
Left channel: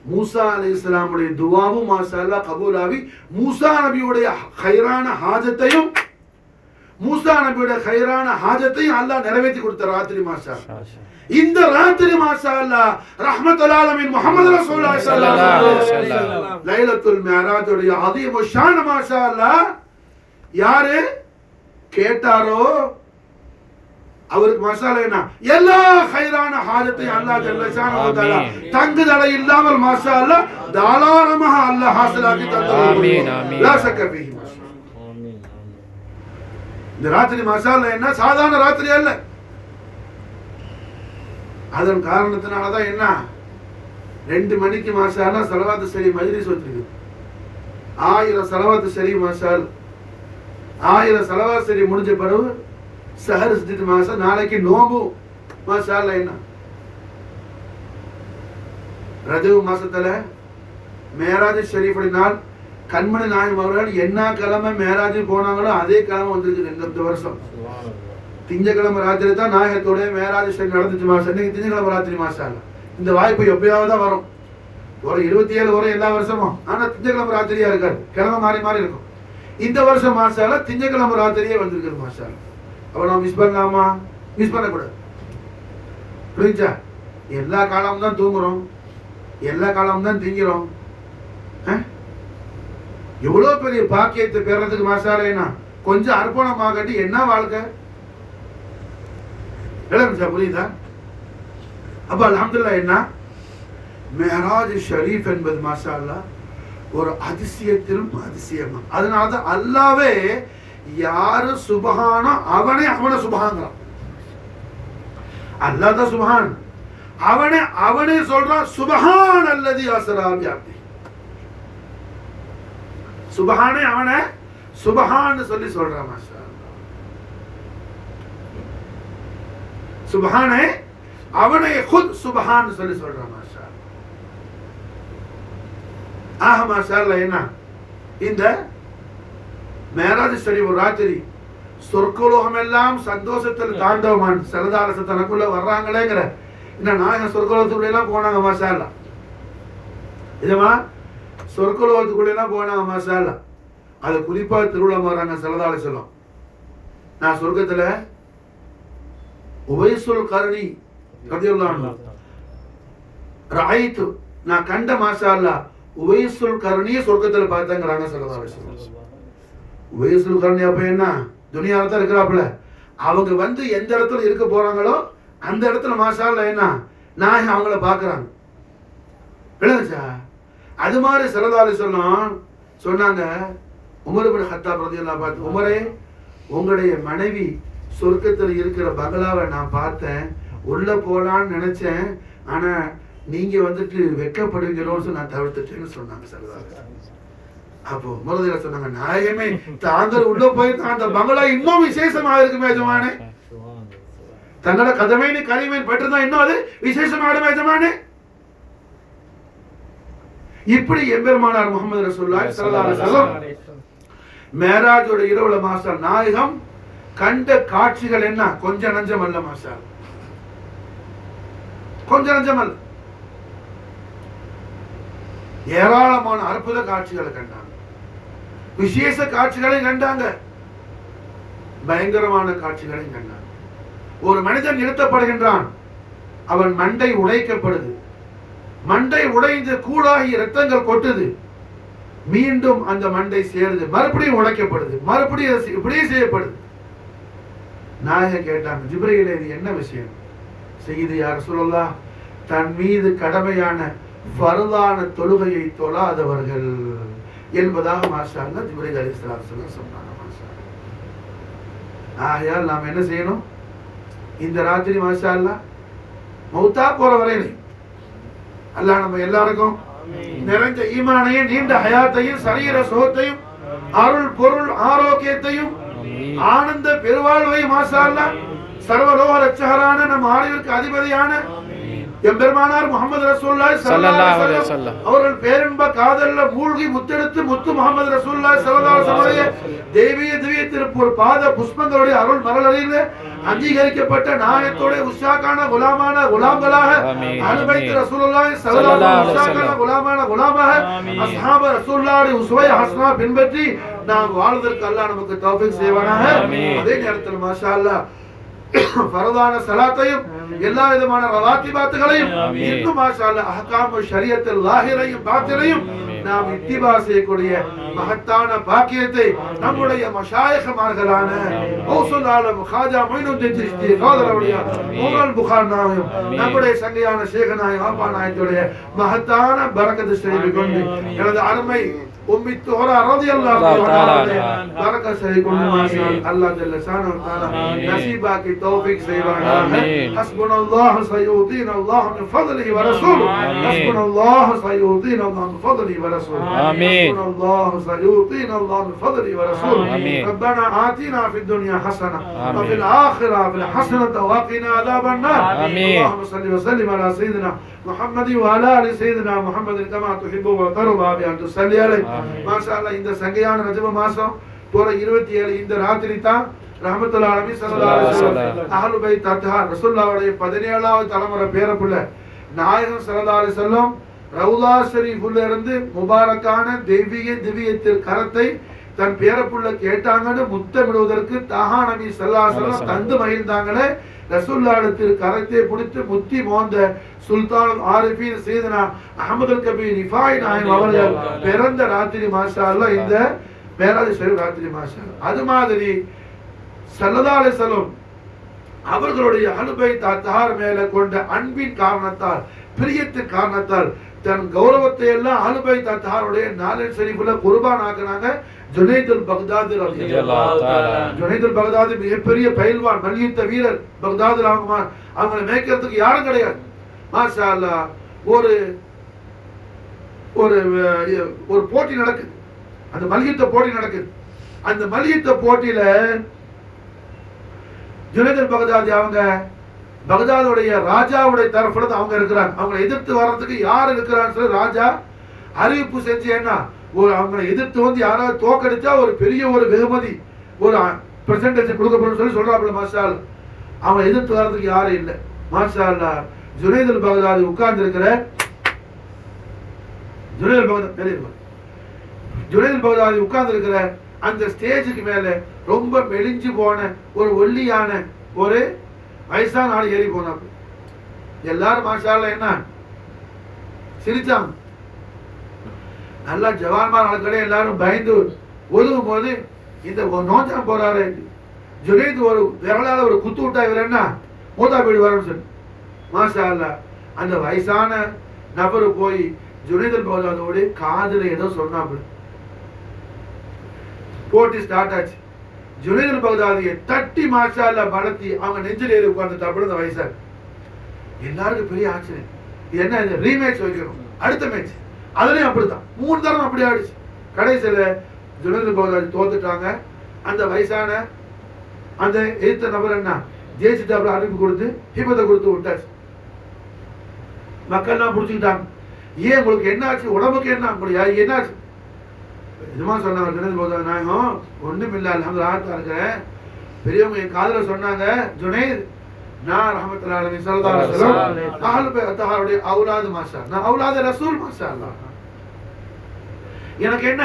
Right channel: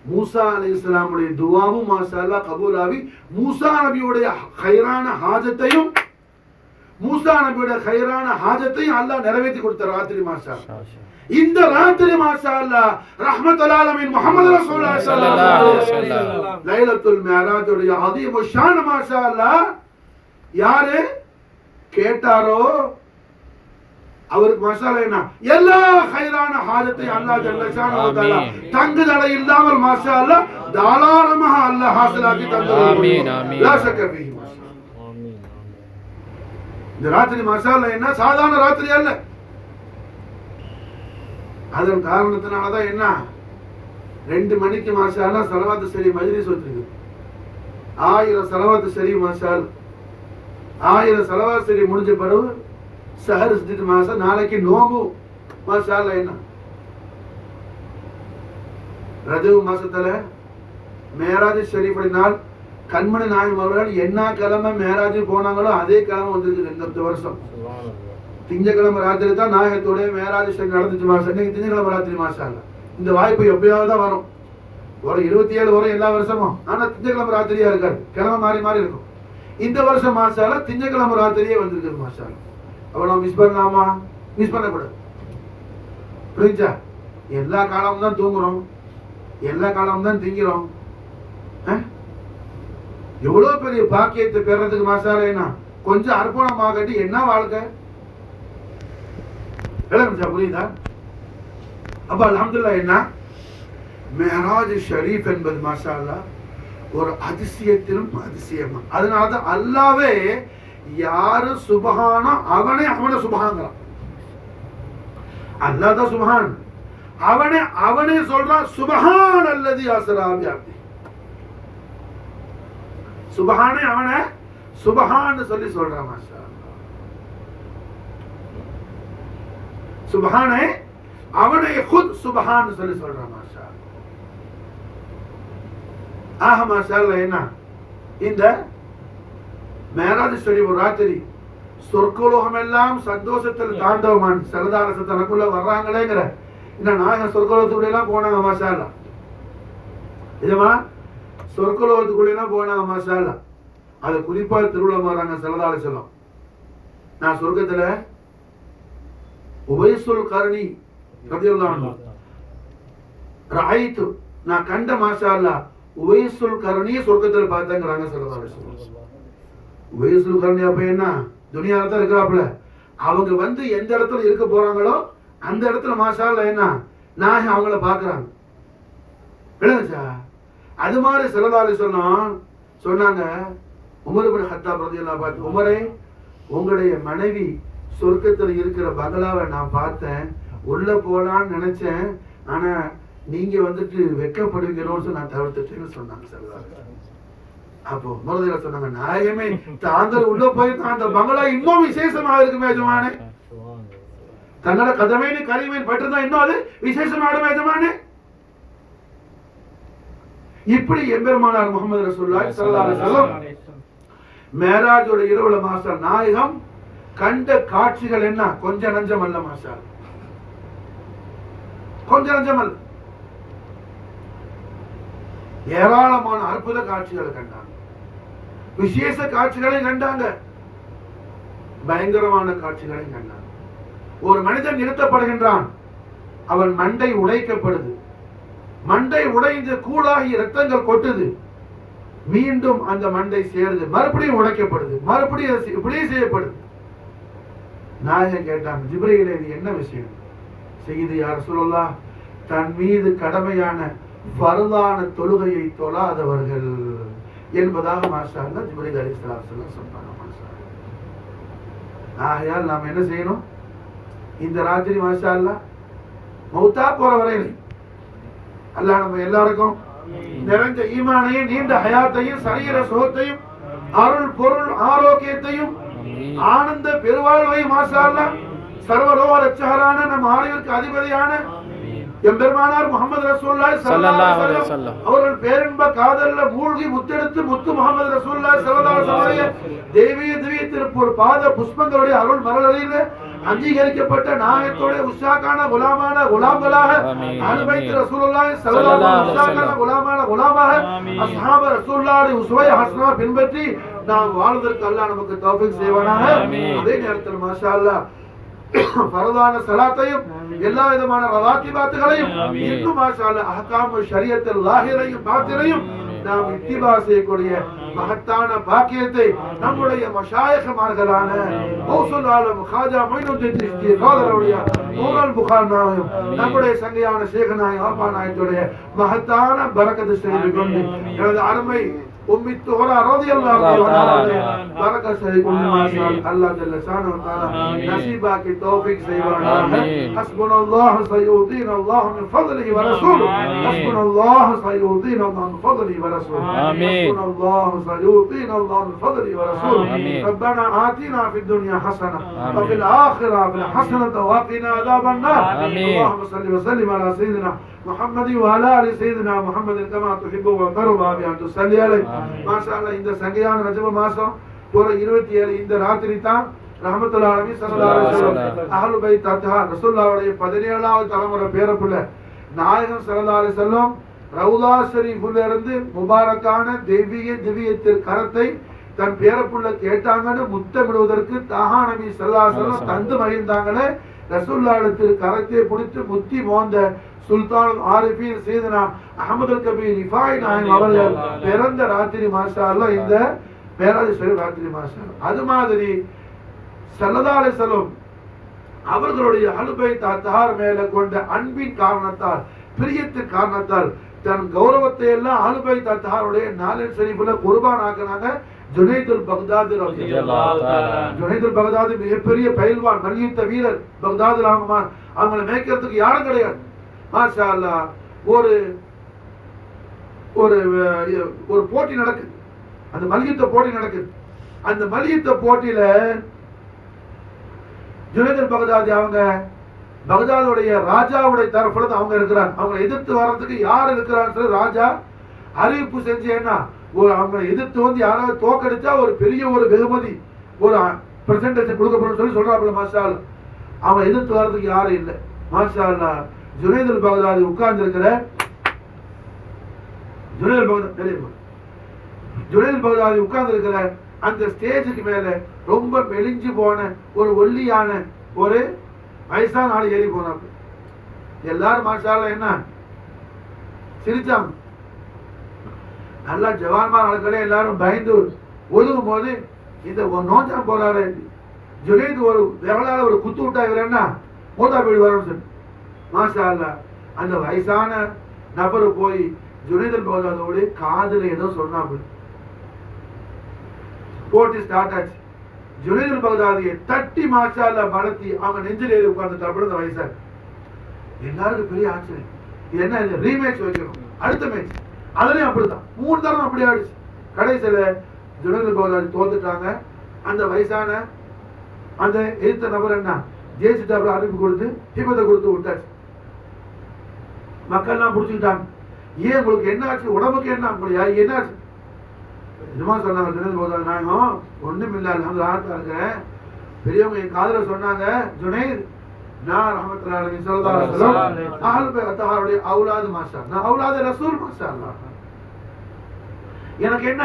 மூசா அலைஹிஸ்ஸலாமுடைய துஆவும் மாஷா அல்லாஹ் கபூல் ஆகி மூசா நபியுடைய கைரான ஹாஜத்தையும் அல்லாஹ் நிறைவேற்றி கொடுத்த ராத்திரி மாஷா. இந்த ராத்திரி மாஷா அல்லாஹ் ரஹ்மத்துல் ஆலமீன் முஹம்மது ரசூலுல்லாஹி ஸல்லல்லாஹு அலைஹி வஸல்லம் லைலத்துல் மிஅராஜ் உடைய அதீம் ஷான் மாஷா அல்லாஹ் யாரு கேட்டாரோ அவருக்கு மசாலா என்ன எல்லா ஹைரான ஹாஜத்தை அல்லாஹ் ஜல்ல ஷானஹு வ தஆலா தங்குதடை இல்லாமல் மாஷா அல்லாஹ் தாராளமாக அல்லாஹ் ஹாசிலாக்கி தந்தார். ஆமீன் ஆமீன். லா ஷக்க ஃபீஹி மாஷா ஆமீன். இந்த ராத்திரி மசாலா என்ன சாதாரண ராத்திரி அல்ல. அதன் காரணத்தினால தான் என்ன 2 மணிக்கு மாஷா அல்லாஹ் ஸலவாத்து ஷரீஃப் மஜ்லிஸ் வச்சிருக்கு. 1000 ஸலவாத்து ஷரீஃப் மாஷா அல்லாஹ் 1000 ஸலவாத்து ஷரீஃப் முடிஞ்ச பிறகு சஹர் செஞ்சுட்டு மாசா நாளைக்கு நோம்பு மாஷா அல்லாஹ். என்ன ரஜப் மாசத்துல மேராஜ் ஷரீஃபுடைய நாள் கண்மணி நாயகம் அவர்கள் என்ன கிழமை மேராஜ் போனாங்களோ அதே கிழமை வந்திருக்கு இந்த வருஷம். திங்கக்கிழமை ராத்திரி தான் நாயகத்தோட மேராஜ் ஷரீஃப் நடந்துச்சு மாசா. இன்னைக்கு திங்கக்கிழமை ராத்திரி மாஷா அல்லாஹ். இந்த வாய்ப்பு எப்பயாவது தான் வரும். ஒரு 27 வரும் எல்லா வருஷமும். ஆனா திங்கக்கிழமை ராத்திரியா இருக்காது, கிழமை மாறி மாறி இருக்கும். இந்த வருஷம் மாஷா அல்லாஹ் திங்கக்கிழமை ராத்திரியே வந்திருக்கு மாஷா அல்லாஹ். அப்ப நம்ம மிஸ் பண்ணலாமா? மிஸ் பண்ணக்கூடாது. புரிஞ்சா? எல்லா காலமும் தான் தூங்குறோம், எல்லா காலமும் தான் திங்கிறோம். எவ்வளவு பெரிய பாக்கியத்தை பெறதுக்கு மாசாலேனா கொஞ்சம் அர்ப்பணமாகட்டி என்ன வாழ்க்கை. புரியுதா? அப்ப அல்ஹம்துலில்லாஹ் என்ன மேராஜ் ஷரீஃப் என்பது மாஷா அல்லாஹ் ஒரு அதிசயத்திலும் அதிசயமா. அதனாலதான் அல்லாவே யாரு சுபஹானோ அவனே சுபஹான்றான். அல்லாஹ் தான் சுபஹான். அவனே சொல்றான் சுபஹான் அல்லதி அஸ்ரா பி அப்தி. சுபஹானே அவனே சுபஹான் சொல்லி சொல்றான் மாஷா அல்லாஹ். சுபஹானே அவனே खुद சுபஹான் சொல்லி சொல்றான் மாஷா அல்லாஹ். ஆஹா மாஷா அல்லாஹ். என்ன இந்த மேராஜ் ஷரீஃப் ராத்திரி சொர்க்கலோகம் எல்லாம் சந்தோஷத்தில் தாண்டவமான் சரதாரச தனக்குள்ள வர்றாங்களேங்கிற இந்த நாயகம் சொர்க்கலோகத்துக்குள்ள எல்லாம் போனாங்க மாஷா அல்லாஹ். இதுமா சொர்க்கலோகத்துக்குள்ள எல்லாம் போனாங்க மாஷா அல்லாஹ். அது குறிப்பா திருவிழா வர்றாங்க சரதார சொல்லும். நான் சொர்க்கத்துல உவைசுல் கர்ணி ரலியல்லாஹு அன்ஹு ரஐது நான் கண்ட மாஷா அல்லாஹ் உவைசுல் கர்ணியை சொர்க்கத்துல பார்த்தாங்கறாங்க சரதார சொல்லும். உவைசுல் கர்ணி அப்ப என்ன துனியால தான் இருக்கிறாப்ல. அவங்க வந்து எந்த இடத்துல இருக்க போறாங்களோ அந்த இடத்துல மாஷா அல்லாஹ் என்ன நான் அவங்கள பாக்குறாங்க. விளங்குச்சா? அது மாதிரி ஸல்லல்லாஹு அலைஹி வஸல்லம் சொன்னாங்க உமர் இப்னு கத்தாப் ரலியல்லாஹு அன்ஹு, உமரே உங்களுடைய மனைவி சொர்க்கத்தில் இருக்கிற பங்களாவை நான் பார்த்தேன், உள்ள போலான்னு நினைச்சேன், ஆனா நீங்க வந்துட்டு வெக்கப்படுவீங்களோன்னு நான் தவிர்த்துட்டேன்னு சொன்னாங்க ஸல்லல்லாஹு அலைஹி வஸல்லம். அப்போ மறுதில சொன்னாங்க நாயகமே தாங்கள் உள்ள போய் அந்த பங்களா இன்னும் விசேஷமா இருக்குமே எஜமானே. தங்களோட கதமைனி கரிமேன் பட்டுதான் இன்னும் அது விசேஷமாடுமே எஜமானே. இப்படி எம்பெருமானார் முஹம்மது ரசூலுல்லாஹி ஸல்லல்லாஹு அலைஹி வஸல்லம் மேராஜோட இரவுல மாஷா நாயகம் கண்ட காட்சிகள் என்ன கொஞ்சம் நஞ்சம் அல்ல மாஷா, கொஞ்சம் நஞ்சம் அல்ல. ஏராளமான அற்புத காட்சிகளை கண்டாங்க, விசேஷ காட்சிகளை கண்டாங்க, பயங்கரமான காட்சிகளை கண்டாங்க. ஒரு மனிதன் நிறுத்தப்படுகின்றான், அவன் மண்டை உடைக்கப்படுது, மண்டை உடைந்து கூடாகி இரத்தங்கள் கொட்டுது, மீண்டும் அந்த மண்டை சேருது, மறுபடியும் உடைக்கப்படுது, மறுபடியும் இப்படியே செய்யப்படுது. நாயகம் கேட்டாங்க ஜிப்ரீல் இது என்ன விஷயம்? செய்து யா ரசூலுல்லாஹ் தன் மீது கடமையான ஃபர்தான தொழுகையை தொழாதவர்கள் என்பதாக மாஷா அல்லாஹ் ஜிப்ரீல் அலைஹிஸ்ஸலாம் சொன்னாங்க மாஷா அல்லாஹ். ஆகையால் நாம் என்ன செய்யணும்? இந்த ராத்திரி மாஷா அல்லாஹ் மௌத்தா போற வரையிலே அல்லாஹ் நம்ம எல்லாருக்கும் நிறைஞ்ச ஈமானையும் நீண்ட ஹயாத்தையும் சரீர சுகத்தையும் அருள் பொருள் ஆரோக்கியத்தையும் ஆனந்த பெருவாழ்வையும் மாஷா அல்லாஹ் சர்வலோக ரட்சகரான நம் ஆலயத்திற்கு அதிபதியான எம்பெருமானார் முஹம்மது ரசூலுல்லாஹி ஸல்லல்லாஹு அலைஹி வஸல்லம் அவர்கள் பேரன்ப காதல்ல மூழ்கி முத்தெடுத்து முத்து முஹம்மது ரசூலுல்லாஹி ஸல்லல்லாஹு அலைஹி வஸல்லம் தேவிய திவ்ய திருப்பூர் பாத புஷ்பங்களுடைய அருள் மலரலில் அங்கீகரிக்கப்பட்ட நாயகத்தோட உஷாக்கான குலாமான குலாம்களாக அஹ்லுபைத் ரசூலுல்லாஹி ஸல்லல்லாஹு அலைஹி வஸல்லம் குலாமான குலாமாக அஸ்ஹாப ரசூலுல்லாஹி உஸ்வை ஹஸ்னா பின்பற்றி நாம் வாழ்வதற்கு அல்லாஹ் நமக்கு தௌஃபீக் செய்வானாக. அதே நேரத்தில் மாஷா அல்லாஹ் ஃபரதான ஸலாத்தையும் எல்லா விதமான ரவாத்திபாத்துகளையும் இன்னும் மாஷா அல்லாஹ் அஹ்காம் ஷரியத்துல் லாஹிரையும் பாத்திரையும் நாம் இத்திபா செய்யக்கூடிய மகத்தான பாக்கியத்தை நம்முடைய மஷாயிகமார்களான கௌசுல் ஆலம் காஜா மொய்னுத்தீன் சிஸ்தி சோதரவுடைய மூகல் புகார் நாயம் நம்முடைய சங்கையான சேகநாயம் ஆபா நாயத்துடைய மகத்தான பரக்கத்து செய்து கொண்டு எனது அருமை उम्मी तोहरा रज़ियल्लाहु ताला बरकत से कुल माशाअल्लाह अल्लाह जल्ल शानहु ताला नसीबा की तौफीक से बनाना हस्बुनल्लाहु सयुतीन अल्लाह मिन फज़लिहि व रसूलुहु हस्बुनल्लाहु सयुतीन अल्लाह मिन फज़लिहि व रसूलुहु हस्बुनल्लाहु सयुतीन अल्लाह मिन फज़लिहि व रसूलुहु रब्बना आतिना फिद दुनिया हसना व फिल आखिरति हसनत व क़िना अज़ाबन नार अल्लाहुम्मा सल्लि व सल्लिम अला सय्यिदिना मुहम्मद व अला आलि सय्यिदिना मुहम्मद कमा तुहिब्बु व तर्दा बि अन तुसल्ली अलैहि மாஷாஅல்லாஹ். இந்த சங்கையான ரஜப மாசம் போற 27 இந்த ராத்திரி தான் ரஹ்மத்துல்லாஹி அலைஹி ஸல்லல்லாஹு அலைஹி வஸல்லம் அஹ்லு பைத் அத்ஹார் ரசூலுல்லாஹ்வுடைய 17வது தலைமுறை பேரப்புள்ள நாயகம் ஸல்லல்லாஹு அலைஹி வஸல்லம் ரவுலா ஷரீஃப்ல இருந்து முபாரக்கான திவ்யத்தின் கரத்தை தன் பேரப்புள்ள கேட்டாங்கன்னு முத்தமிடுவதற்கு தாஹா நபி ஸல்லல்லாஹு அலைஹி வஸல்லம் தந்து மகிழ்ந்தாங்களே. ரசூலுல்லாஹ்வுடைய கரத்தை பிடித்து முத்தி மோந்த சுல்தான் ஆரிஃபீன் சையதுனா அஹ்மதுல் கபீர் ரிஃபாய் நாயகம் அவர்கள் பிறந்த ராத்திரி மாஷாஅல்லாஹ் இந்த மேராஜ் ஷரீஃப் ராத்திரி மாஷாஅல்லாஹ். அது மாதிரி ஸல்லல்லாஹு அலைஹி வஸல்லம் அவர்களுடைய அஹ்லு பைத் அத்ஹார் மேல கொண்ட அன்பின் காரணத்தால் பிரியத்தின் காரணத்தால் தன் கௌரவத்தை எல்லாம் அஹ்லு பைத் அத்ஹாருடைய நாலு ஷரீஃப்ல குர்பான் ஆக்குனாங்க. ஜுனைதுல் பக்தாதி ரலியல்லாஹு தஆலா ஜுனைதுல் பக்தாதி மிகப்பெரிய பயில்வான் மல்யுத்த வீரர் பக்தாதுல அவங்களை மேய்க்கிறதுக்கு யாரும் கிடையாது. மாஷா அல்லாஹ். ஒரு ஒரு ஒரு போட்டி நடக்குது, அந்த மல்யுத்த போட்டி நடக்குது. அந்த மல்யுத்த போட்டியில ஜுனைதுல் பக்தாதி அவங்க பக்தாதுடைய ராஜாவுடைய தரப்புல அவங்க இருக்கிறாங்க. அவங்களை எதிர்த்து வர்றதுக்கு யார் இருக்கிறான்னு சொல்லி ராஜா அறிவிப்பு செஞ்சு என்ன அவங்களை எதிர்த்து வந்து யாராவது தோக்கடிச்சா ஒரு பெரிய ஒரு வெகுமதி ஒரு பிரசன்டேஜ் கொடுக்கப்படும் சொல்லி சொல்றாப்புல. மாஷா அல்லாஹ். அவங்க எதிர்த்து வர்றதுக்கு யாரும் இல்லை. மாஷா அல்லாஹ். ஜுனைதுல் பக்தாதி உட்கார்ந்து இருக்கிற ஜுனைதுல் பக்தாதி உட்கார்ந்து இருக்கிற அந்த ஸ்டேஜுக்கு மேல ரொம்ப மெலிஞ்சு போன ஒரு ஒல்லியான ஒரு வயசான ஆள் ஏறி போனாப்பு. எல்லாரும் மாஷா அல்லாஹ் என்ன சிரிச்சாங்க. நல்லா ஜவான்மார் ஆட்களே எல்லாரும் பயந்து ஒதுங்கும் போது இந்த நோஞ்சா போறாரு ஜுனைத் ஒரு விரலால ஒரு குத்து விட்டாங்கன்னா மூத்தா போய் வரணும் சொல்லு. மாஷா அல்லாஹ். அந்த வயசான நபரு போய் ஜுனைதுல் பக்தாதியோட காதுல ஏதோ சொன்னாப்புல. போட்டி ஸ்டார்ட் ஆச்சு. ஜுனைதுல் பக்தாதியை தட்டி மாஷா அல்லாஹ் பலத்தி அவங்க நெஞ்சில் ஏறி உட்கார்ந்துட்டாப்புல இந்த வயசார். எல்லாருக்கும் பெரிய ஆச்சரியம். என்ன இது ரீமேட்ச் வைக்கணும் அடுத்த மேட்ச். அதுலயும் அப்படித்தான் 3 தரம் அப்படி ஆயிடுச்சு. கடைசியில ஜுனைதுல் பக்தாதி தோத்துட்டாங்க. அந்த வயசான அந்த எதிர்த்த நபர் என்ன ஜெயிச்சுட்டாப்புல அறிவிப்பு கொடுத்து ஹிபத்தை கொடுத்து விட்டாச்சு. மக்கள்லாம் பிடிச்சிக்கிட்டாங்க. ஏன் உங்களுக்கு என்ன ஆச்சு, உடம்புக்கு என்ன அப்படியா என்னாச்சு? நிஜமா சொன்னாங்க ஜுனைதுல் பக்தாதி நாயகம் ஒண்ணும் இல்ல அல்ஹம்துலில்லாஹ் இருக்கிறேன். பெரியவங்க என் காதுல சொன்னாங்க ஜுனைத் நான் ரஹ்மத்துல்லாஹி அலைஹி ஸல்லல்லாஹு அலைஹி வஸல்லம் அஹ்லு பைத் அத்ஹாருடைய அவுலாது மாஷா அல்லாஹ் நான் அவுலாது ரசூல் மாஷா அல்லாஹ். எனக்கு என்ன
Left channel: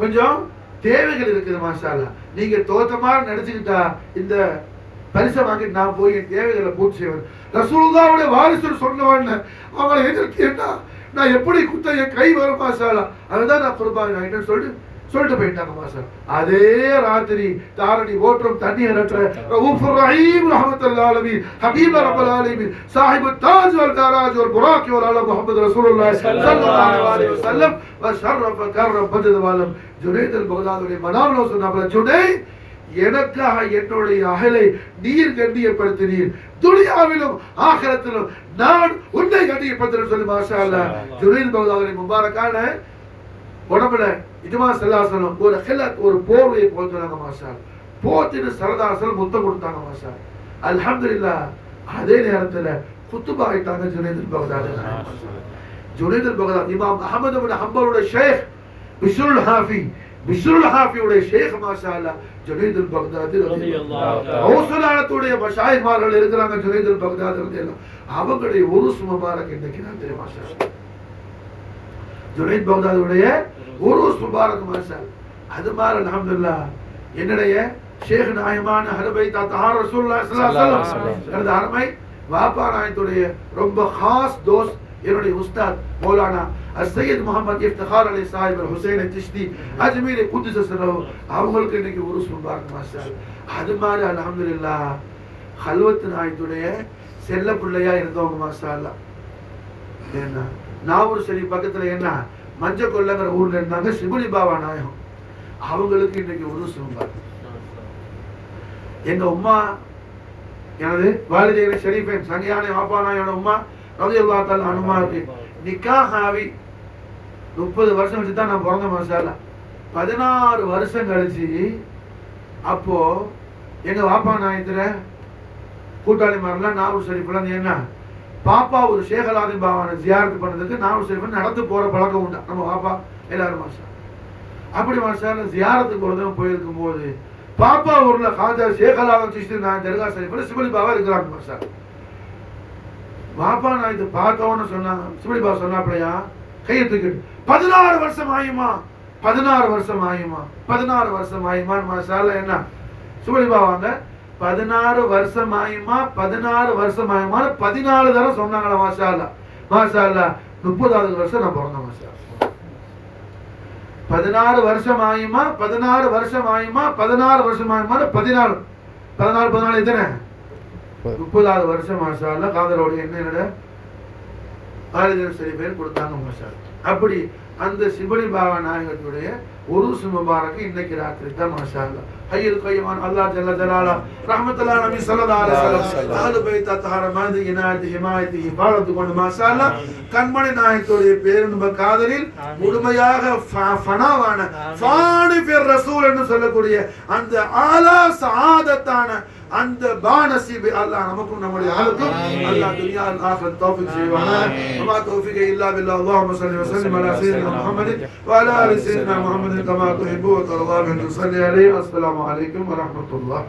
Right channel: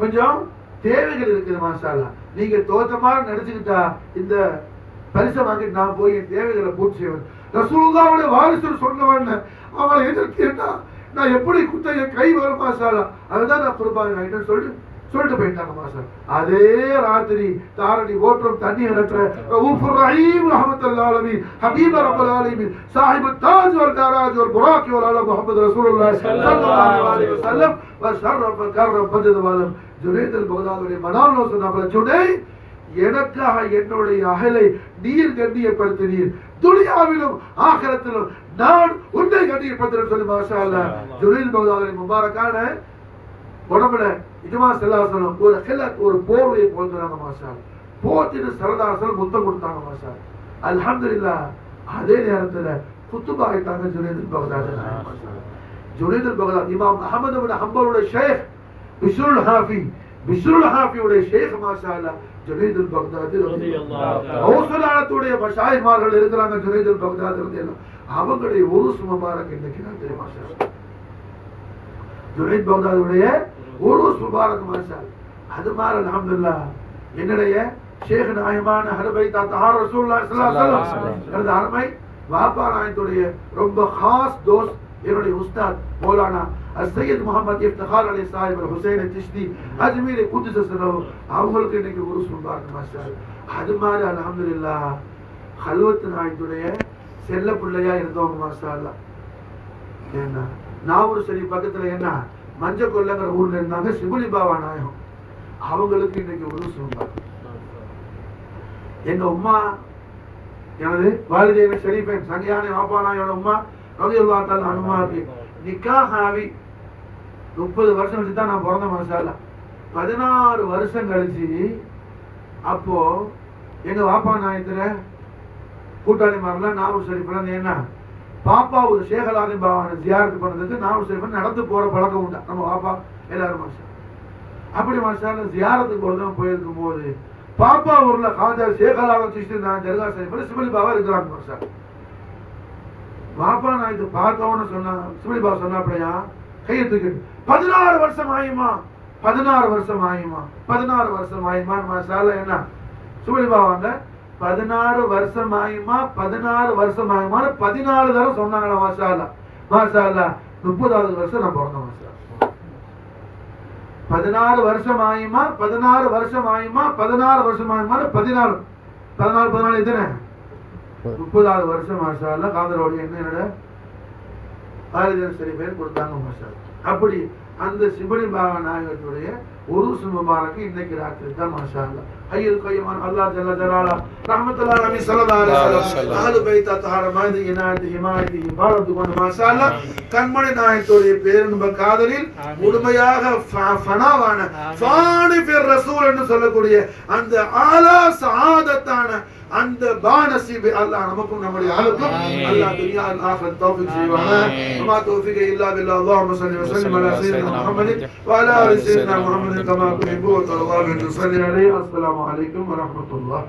கொஞ்சம் தேவைகள் இருக்குது மாஷா அல்லாஹ். நீங்க தோத்தமா நடிச்சுக்கிட்டா இந்த பரிசை வாங்கிட்டு நான் போய் என் தேவைகளை பூர்த்தி செய்வேன். ரசூலுல்லாஹ்வுடைய வாரிசு சொன்னவன் அவங்களை எதிர்த்து என்ன நான் எப்படி குத்த என் கை வரும் மாஷா அல்லாஹ். அதுதான் நான் குர்பான் ஆயிட்டேன்னு சொல்லிட்டு போயிட்டாங்க மாஷா. அதே ராத்திரி தாரணி ஓட்டம் தண்ணி இறக்குற ரவுஃபுர் ரஹீம் ரஹ்மத்துல்லாஹி அலைஹி ஹபீப் ரப்பல் ஆலமீன் சாஹிபு தாஜ் வல் தராஜ் வல் புராக் வல் அலம் முஹம்மது ரசூலுல்லாஹி ஸல்லல்லாஹு அலைஹி வஸல்லம் வ ஷர்ரஃப கர்ரம் பதத் வலம் ஜுனைதுல் பக்தாதியுடைய மனாவுல சொன்னாங்க ஜுனைத் எனக்காக என்னுடைய அகலை நீர் கண்ணியப்படுத்தினீர், துனியாவிலும் ஆகிரத்திலும் நான் உன்னை கண்ணியப்படுத்துறேன்னு சொல்லி மாஷா அல்லாஹ். ஜுனைதுல் பக்தாதியுடைய முபாரக்கான உடம்புல இதுமா செல்லாசனம் ஒரு ஹிலத் ஒரு போர்வையை போட்டுறாங்க மாஷா. போத்திட்டு சரதாசல் முத்தம் கொடுத்தாங்க மாஷா. அல்ஹம்துலில்லாஹ். அதே நேரத்துல குத்துபா ஆயிட்டாங்க ஜுனைதுல் பக்தாதி. ஜுனைதுல் பக்தாதி இமாம் அஹ்மத் இப்னு ஹம்பலுடைய ஷேக் பிஷ்ருல் ஹாஃபியுடைய ஷேக் மாஷா அல்லாஹ் ஜுனைதுல் பக்தாதி ரலியல்லாஹு தஆலா. ஹவுசலாத்துடைய மஷாயிஹ்மார்கள் இருக்கிறாங்க ஜுனைதுல் பக்தாதி ரலியல்லாஹு. அவங்களுடைய உருஸ் முபாரக் இன்னைக்கு நான் தெரியும் மாஷா. ஜுனைத் பக்தாதியுடைய உருஸ் முபாரக் மாஷா. அது மாதிரி அல்ஹம்துலில்லாஹ் என்னுடைய ஷேக் நாயமான அஹ்லு பைத் அத்ஹார் ரசூலுல்லாஹி ஸல்லல்லாஹு அலைஹி வஸல்லம் எனது அருமை வாப்பா நாயத்துடைய ரொம்ப खास தோஸ்த் என்னுடைய உஸ்தாத் மௌலானா السيد محمد افتخار علي صاحب الحسين التشدي அஜ்மீர் குத்ஸ சிரஹு அவங்களுக்கு இன்னைக்கு உருஸ் முபாரக் மாஷாஅல்லாஹ். அது மாதிரி அல்ஹம்துலில்லாஹ் ஹல்வத் நாயத்துடைய செல்ல பிள்ளையா இருந்தவங்க மாஷாஅல்லாஹ். என்ன நாவூர் ஷரீஃப் பக்கத்துல என்ன மஞ்ச கொல்லங்கிற ஊர்ல இருந்தாங்க சிபுலி பாபா நாயகம். அவங்களுக்கு இன்னைக்கு உருஸ் முபாரக். எங்க உம்மா எனது வாலிதேன ஷரீஃபின் சங்கியான வாப்பா நாயோட உம்மா ரலியல்லாஹு தஆலா அன்ஹாவுக்கு நிக்காஹ் ஆகி 30 வருஷம் கழிச்சு தான் நான் பிறந்த மாஷாஅல்லாஹ். 16 வருஷம் கழிச்சு அப்போ எங்க வாப்பா நாயத்துல கூட்டாளி மாரெல்லாம் நாவூர் ஷரீஃப்ல என்ன பாப்பா ஒரு ஷேக் அலாதீன் பாபாவை ஜியாரத்து பண்ணதுக்கு நாவூர் ஷரீஃப் நடந்து போற பழக்கம் உண்டு நம்ம வாப்பா எல்லாரும் மாஷா. அப்படி மாஷாஅல்லாஹ் ஜியாரத்துக்கு ஒரு தடவை போயிருக்கும் போது பாப்பா ஊர்ல காஜா ஷேக் அலாதீன் சிஸ்தி நான் தர்கா ஷரீஃப்ல சிபலி பாபா இருக்கிறாங்க மாஷா. பாப்பா நான் இது பார்த்தோன்னு சொன்னா சிபலி பாபா சொன்னாப்பலையா கையை தூக்கிட்டு 16 வருஷம் ஆயுமா 16 வருஷம் ஆயுமா 16 வருஷம் ஆயுமான்னு மாஷாஅல்லாஹ் என்ன சிபலி பாபாங்க 16 வருஷம் ஆயுமா 16 வருஷம் ஆயுமா 14 தடவை சொன்னாங்களா மாஷாஅல்லாஹ். மாஷாஅல்லாஹ் 30வது வருஷம் நான் பிறந்த மாஷா. 16 வருஷம் ஆயுமா 16 வருஷம் ஆயுமா 16 வருஷம் ஆயுமா 14 14 எத்தனை 30வது வருஷம் மாஷாஅல்லாஹ் காதரோட என்னோட வாலிதேன் சரி பேர் கொடுத்தாங்க மாஷாஅல்லாஹ். அப்படி அந்த சிபலி பாபா நாயகத்துடைய உருஸ் முபாரக் இன்னைக்கு ராத்திரி தான் மாஷாஅல்லாஹ். ஹய்யுல் கய்யூம் அல்லாஹ் ஜல்ல ஜலாலா ரஹ்மத்துல்லாஹி அலைஹி ஸல்லல்லாஹு அலைஹி வஸல்லம் அஹ்லு பைத் தஹர மஹதி இனாயத்தி ஹிமாயத்தி இபாதத்து கொண்டு மாஷாஅல்லாஹ் கண்மணி நாயகத்துடைய பேரின்ப காதலில் முழுமையாக ஃபனாவான ஃபானி ஃபிர் ரசூல் என்று சொல்லக்கூடிய அந்த ஆலா சஆதத்தான அந்த பானசிபி அல்லாஹ் நமக்கும் நம்முடைய ஆளுக்கும் அல்லாஹ் துனியா ஆகிரத் தௌஃபீக் செய்வானா. வமா தௌஃபீக இல்லா பில்லாஹ். அல்லாஹும்ம ஸல்லி வ ஸல்லிம் அலா சய்யிதினா முஹம்மதின் வ அலா ஆலி சய்யிதினா முஹம்மதின் கமா துஹிப்பு வ தர்தா. அஸ்ஸலாமு அலைக்கும் வ ரஹ்மத்துல்லாஹ்.